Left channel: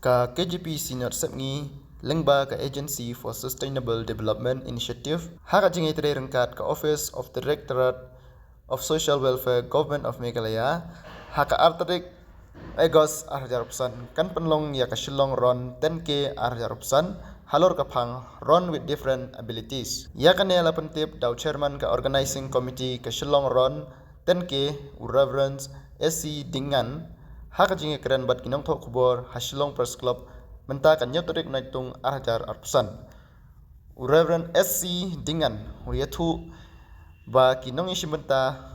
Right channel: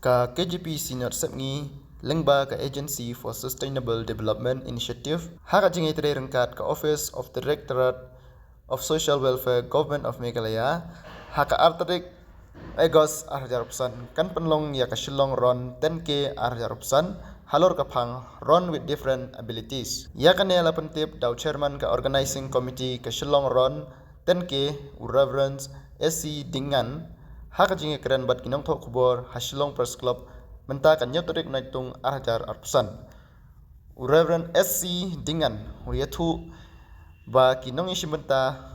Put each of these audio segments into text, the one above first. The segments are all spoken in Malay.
Ka KGP Senior Sepngi Lengba ka Agency for Sustainable Development Initiative haka jingai tere rengkat ka Office of the Directorate of Social Welfare Government of Meghalaya haka artarik Agos arjarupsan kan penlong ya ka Shillong ron 10k arjarupsan halor ka phang ron with different abilities ya ka nela pentip daw chairman ka organizing committee ka Shillong ron 10k Reverend SC Dingan haka jingi keren bat kinong thok kubor ha Shillong Press Club menta kan nyotorik naitung arjar arpusan Reverend SC Dingan huyathu ba kinong isimenta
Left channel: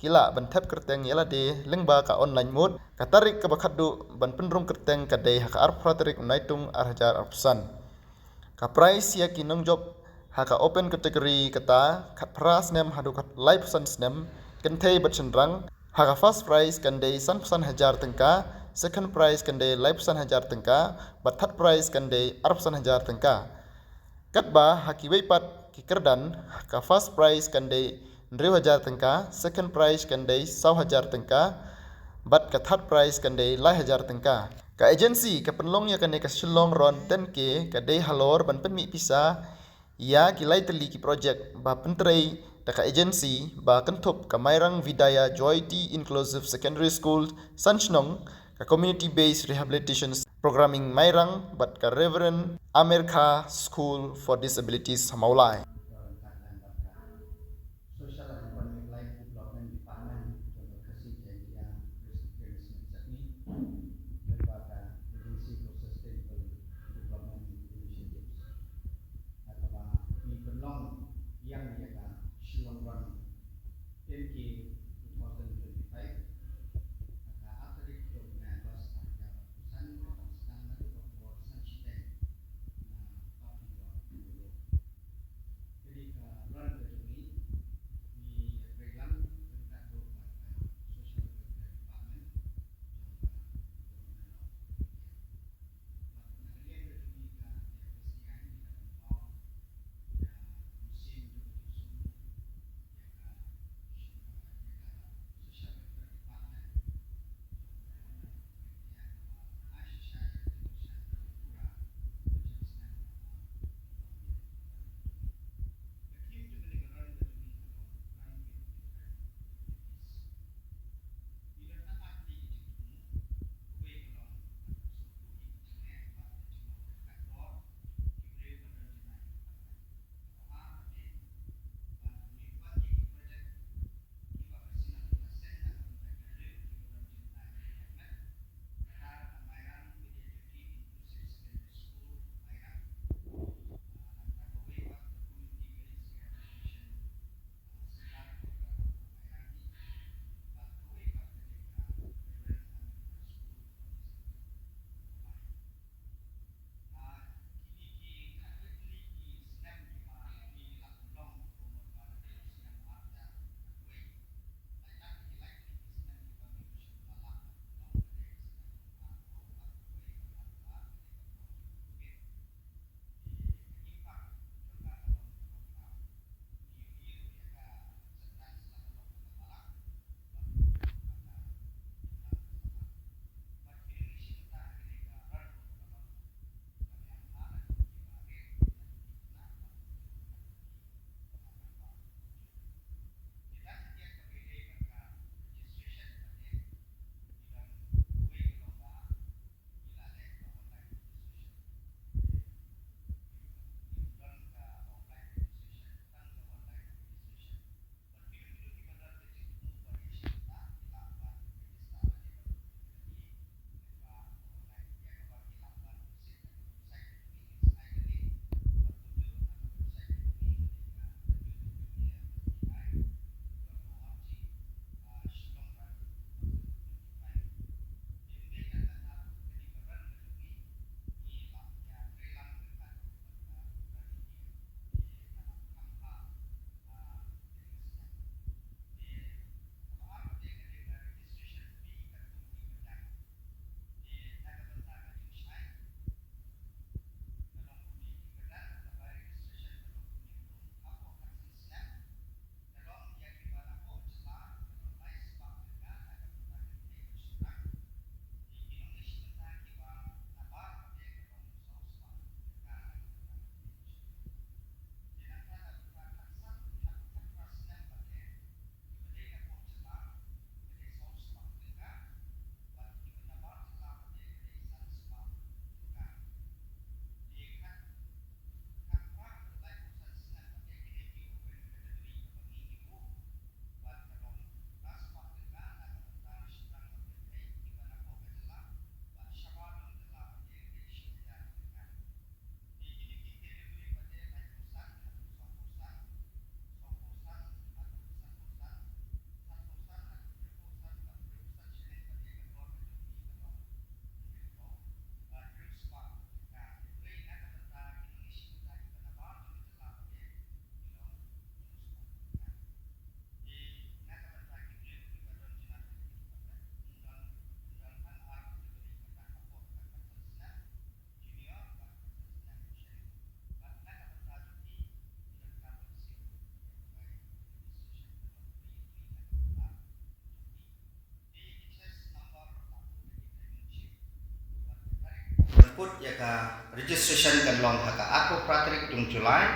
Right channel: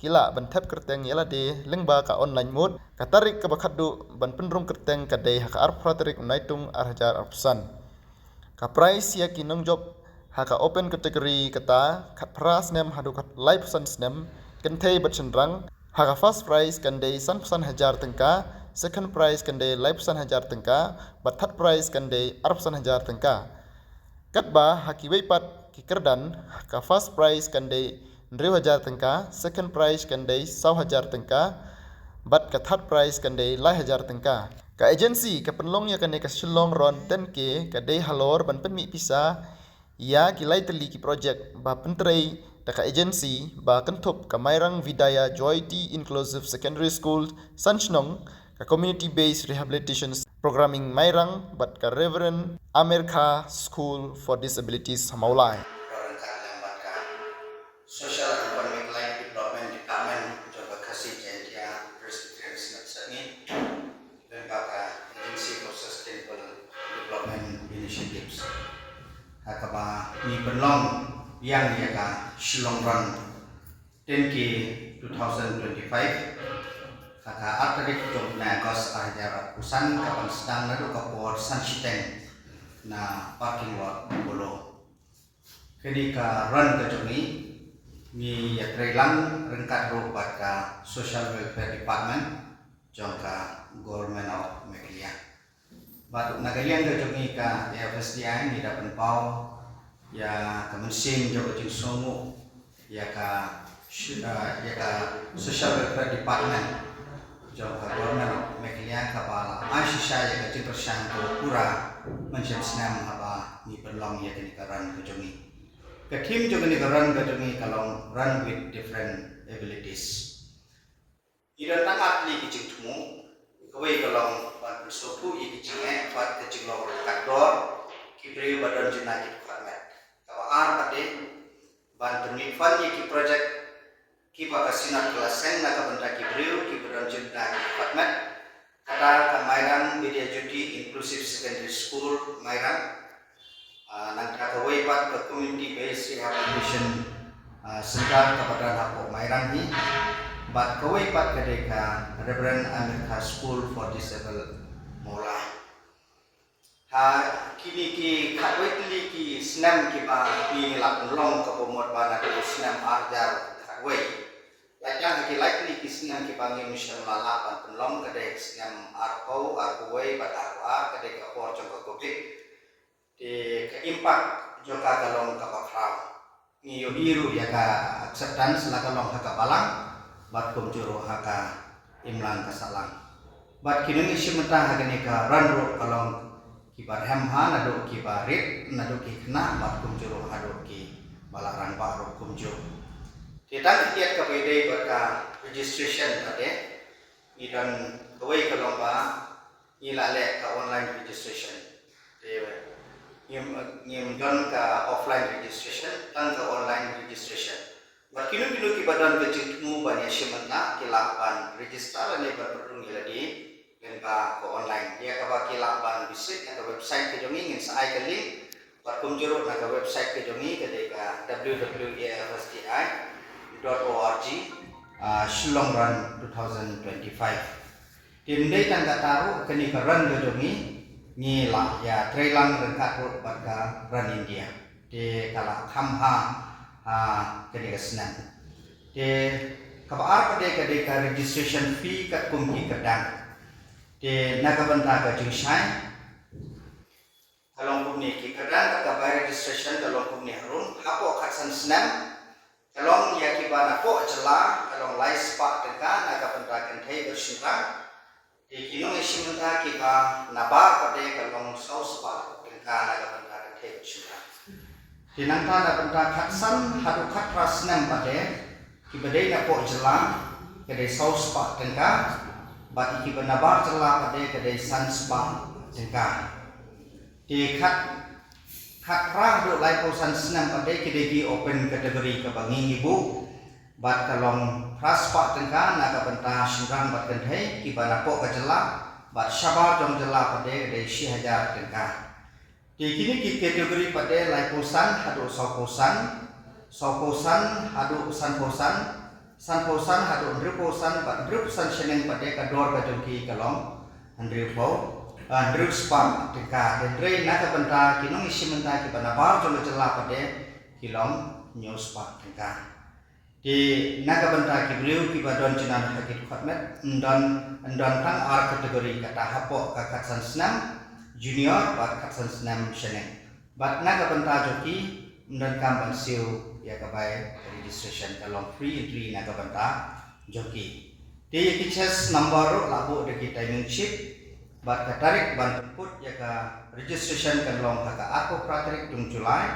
kila ban thep kerteng yala de lengba ka online mode katarik ka bakhadu ban penrung kerteng ka de haka arpratarik naitung arhajar arpusan ka price ya kinong job haka open category kata khat pras nem hadu khat live san snem kentei bat sendrang haka first prize kan de san pesan hajar tengka second prize kan de live pesan hajar tengka bat third prize kan de arpusan hajar tengka katba haki weipat ki kerdan haka first prize kan de 1000 tengka, second prize kandai 1000 tengka, bat ka third prize kandai 1000 tengka. Ka agency ka penlong ya kandai ka Shillong ron 10k kadai halor ban penmi pisa ya ki lai teli ki project ba pentrei ta ka agency ba kentup ka Mairang Vidaya Joy T Inclusive Secondary School Sanchnong ka community based rehabilitation programming Mairang bat ka Reverend Amir Kha School for Disabilities Maulai. Social and Economic Life Development Department coba kasih janjian Presiden Senat dan kata Agency for Sustainable Development Initiatives. Hakaba ni penlong yang dia ka Shillong Ron 10k 2025. Haka artarik job na Agos arjar usan kapan sedang lalu kapor Sanchiteng na parking lot bolo. Kini ka run ke jomi ni ya trailang rengkat robat ka Social Welfare Department jangka Government of Meghalaya. Batuk nagalian ke jomi ka FSDI ni dapat pau ya kemensin jauh jeng songo ya ka Social Welfare Department jangka Government of Meghalaya kapala asisya ya ka cipersan pura menjadi senam apa ni perlong ya kini karan ke jomi. The team juga ni run kalau run with different abilities. Ida tangat li kicik tumu, kawai kalau buat bersuatu i kiciknya buat kecik lor kador, kibri badan jenaki department. Kalau pada ban permifan i project kiba kasinan kelasen nak benda kibri badan jenaki department. Kata Mairang Media Judi Inclusive Secondary School Mairang. Nangka kawai pat ke community based rehabilitation sentar kepada Napok Mairang ni bat kawai pat ke deka Reverend Amir Kha School for Disabled Maulai kini ki kawai teli ki senam ki pa pi lak long ke pomot bana ke senam arjar kawai lajang ki like teli ki senam ki pa ngi mission lalapan penlong ke dek senam arpau arpawai bat arpa ke deka por jongko kopik di keimpak joka kalong kapakram ngiyo biru ya ka acceptance la kalong haka balang bat kumjuro haka imlan kasalang bat kinung isi mentah haka nika ranro kalong kibar hemha nado kibarit nado kikna bat kumjuro hado ki balarang baru kumjuro kita kiat ka pwede berka registration tadi idan kawai kalong ba ilale ka online registration ngimdan ke offline registration dan ke online registration. Berkinu-kinu kibadan kecilmu banyak semena kilapan register ni berperung lagi dan ke online. Dia ke kilapan visit ke website ke jongi ingin saya ke link berkunjung ke website ke jongi ke www.fsti.org Shillong Ron 2025. Timdai tangga taruh kenikaran ke jongi ni lah ya trailang rengkat road pada run India di kala kamha kedeka senan di kabar pada kedeka registration fee kat kumki kedang di nakabanta ka jingshai kalong kumni ki kedang ka bayar registration kalong kumni harun hapo katsan senan kalong ya ki bana po celah kalong lais pak deka nakabanta kan thai bersyukur kinong isimenta kita nabar pada kalong saus pa tengka naga benda kete sudah. Tinangta na benda katsan hadu katras nem pada kibadai na po jelang kedai saus pa tengka bat iki benabar jelang pada kedai sans pa tengka. Di katrah do lai posan senam pada kedai di open kategori kebangi ibu. Bat kalong raspa tengka naga benta singkang bat kentai kibana po kajela bat syabar jom jela pada dari 1000 tengka. Di kini ki kategori pada lai posan hadu sauposan hadu sanposan hadu ndruposan bat ndruposan seneng pada kador kajongki kalong ndrupo ndruspa tengka. Dendrei naga benta kinong isi menta kibana bar jom jela pada kilong nyuspa tengka. Di naga benta kibriu kibadon jinan hakit khatmet ndon tang ar kategori kata hapok kakatsan senam junior bat kakatsan senam seneng bat naga benta joki ndon kamban siu ya kabai registration kalong free entry naga benta joki di kiches number labu deki timing chip bat katarik ban input ya ka registration kalong kaka aku pratarik tung Julai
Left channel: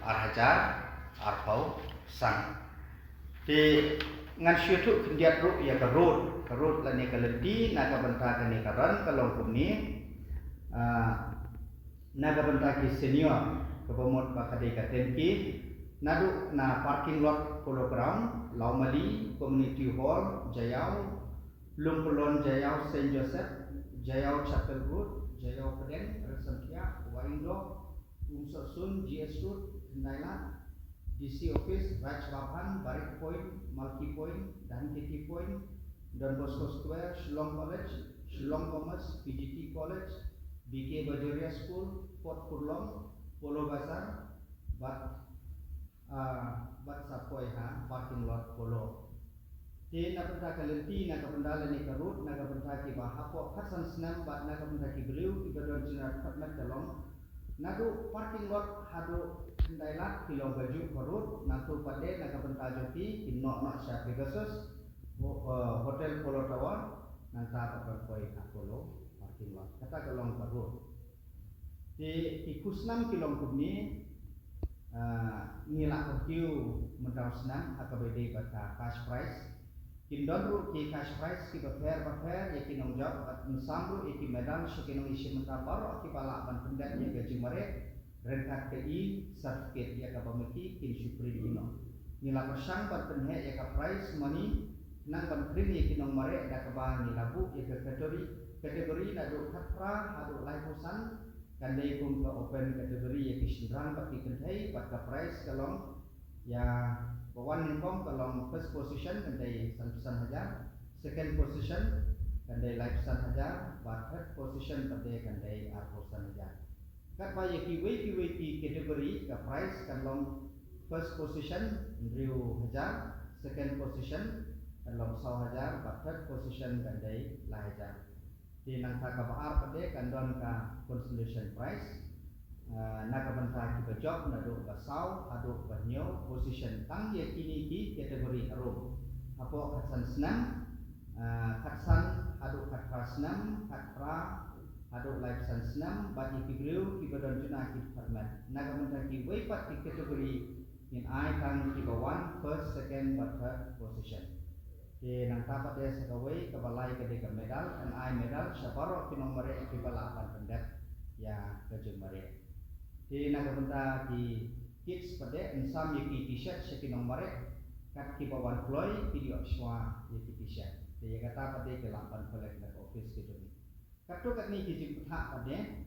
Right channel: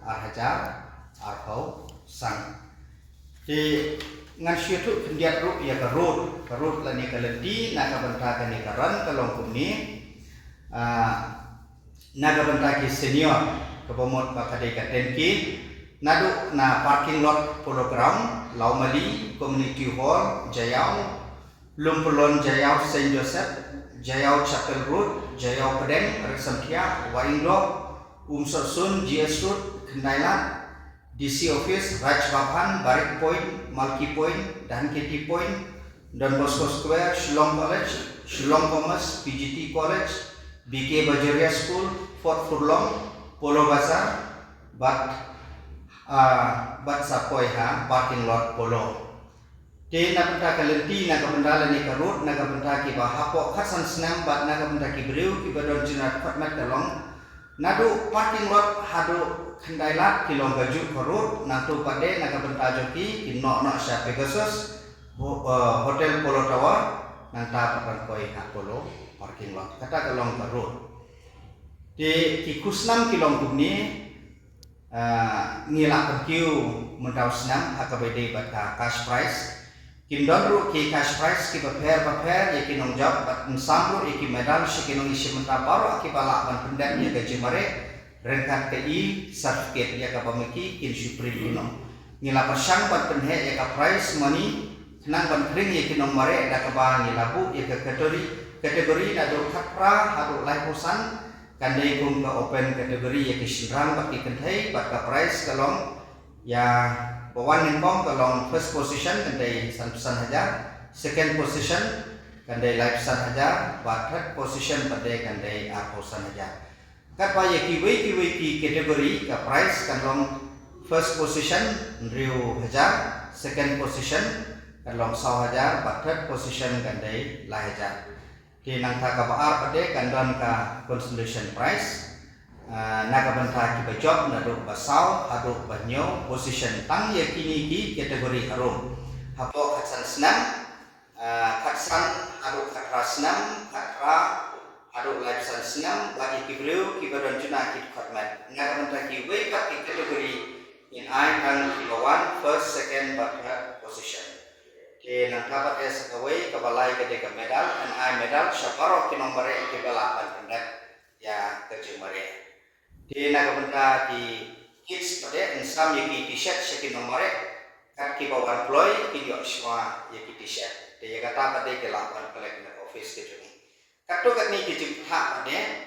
ar hajar ar pau sang di ngan syutu kendiat ru ya ke road la ni kalenti naga benta ka ni karan kalong kumni naga benta ki senior ke bomot ba kadai ka tenki nadu na parking lot polo ground Laumali community hall Jayau Lumpulon Jayau Saint Joseph Jayau Chapel Road Jayau Pedeng Resamtia Wainglo Umsorsun GS Road Kendailat DC Office, Raj Babhan, Barik Point, Malki Point, Dan Keti Point, Don Bosco Square, Shillong College, Shillong Commerce, PGT College, BK Bajaria School, Fort Furlong, Polo Bazar, Bat Sapoiha, Parking Lot Polo. Di nabenta kalenti naga benda lani karut naga benda ki bahapo khasan senam bat naga benda ki beriu ki badon jinat khatmat kalong nadu parking lot hadu kendailat kilong baju korut nantu pade naga benta joki kinok sya Pegasus hotel Polo Tower nanta papan koi hak polo parking lot kata kalong korut di kikusnam kilong kumni ngilak perkiu mendau senam hakabede bata cash price kindon ru ki cash price ki paper ya kinong job bat nsambur iki medal shikinong isi menta baru aki balak ban pendan ya gaji mare rengkat KI certificate ya ka pamiki kin supreme kinong ngila persang bat penhe ya ka price money nang ban kring ya kinong mare da ka ba ngilabu ya ka kategori na do khapra hadu lai posan kandai kum ka open kategori ya kisinrang bat ki kenthai bat ka price kalong ya bawan nimbong kalong first position kandai sanpesan hajar second position kandai lai pesan hajar bat third position pada kandai posan hajar kat paya kiwi ki kategori ka price kalong first position riu hajar second position kalong 100,000 bat third position kandai lai hajar di nang ta ka baar pada kandon ka consolation prize naga benta ki bajok na do basau hadu banyo position tang ye kini ki kategori harum hapo khatsan senam khatsan hadu khatra senam khatra hadu live san senam bagi kibriu ki badon juna ki khatmat naga benta ki wake up ki kategori in I kan ki bawan first second but third position di nang dapat ya sekawai kebalai ke medal and I medal syaparo ki nomor ki balapan pendak ya kejumare di naga benda di kids pada insam yaki t-shirt seki nomor kat ki bawan ploy ki yo semua yaki t-shirt dia kata pada ke lapan pelek office ke juni kato kat ni ki jumpa pada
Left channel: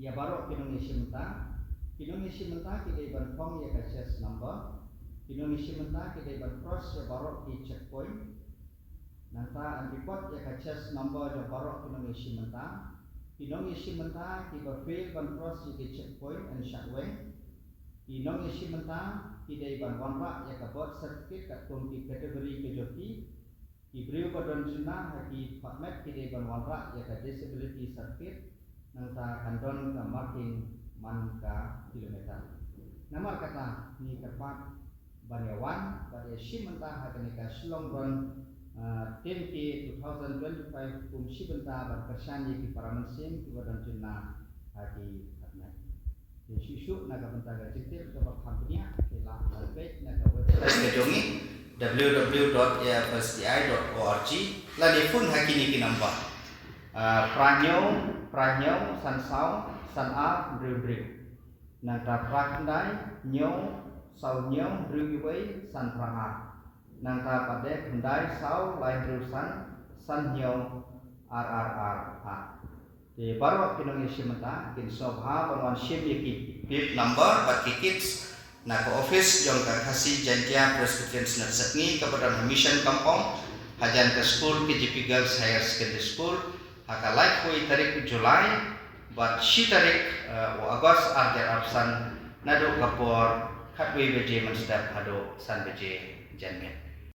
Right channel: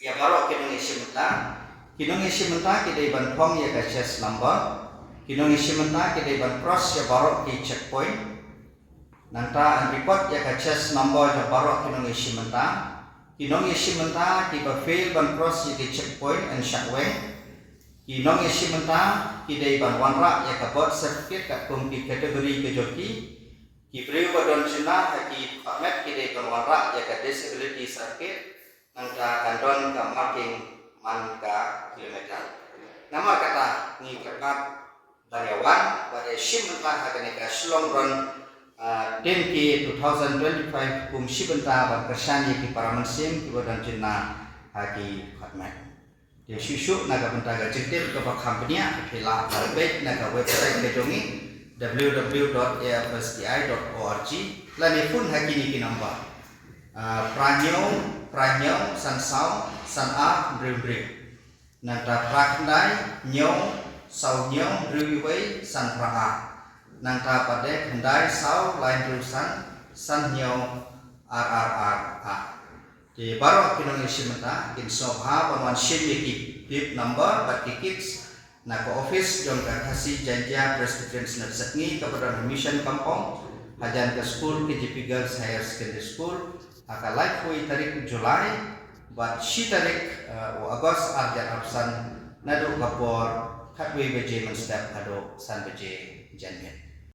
ya baru ki nong isi menta ki dai ban pom ya ka chest number kinong isi menta ki dai ban cross ya baru ki checkpoint nanta an report ya ka chest number ya baru kinong isi menta kinong isi menta ki ba fail ban cross ya ki checkpoint and shakwe kinong isi menta ki dai ban wanra ya ka birth certificate ka kum ki kategori ke joki ki breu badon sina ha ki pamet ki dai ban wanra ya ka disability certificate nanta kandon ka marking man ka kilometer nama kata ni kerap Baryawan pada sim menta ha ka Shillong Run 10K 2025 kum shibenta ban kersani ki paramansim ki badan jinna ki khatmat di susu naga benta ga ciktir ke bak company phila baik naga website ke jongi www.afsti.org lani pun hakini ki number pranyo sansau sana bri nanta prakndai nyong sau nyong riwei san praha nanta pada kendai sau lain terusan san nyong RRR di baru kinong isimenta kin sobha banwan shimiki bib number bat kids na ko office jong ka kasih jantia Presbyterian Snatsangi kepada mission kampung hajan ke school KGP Girls Higher Secondary School haka like hui tarik Julai bat shi tarik Agos arjar absan nado kapor khatwi beje menstep hado san beje janmet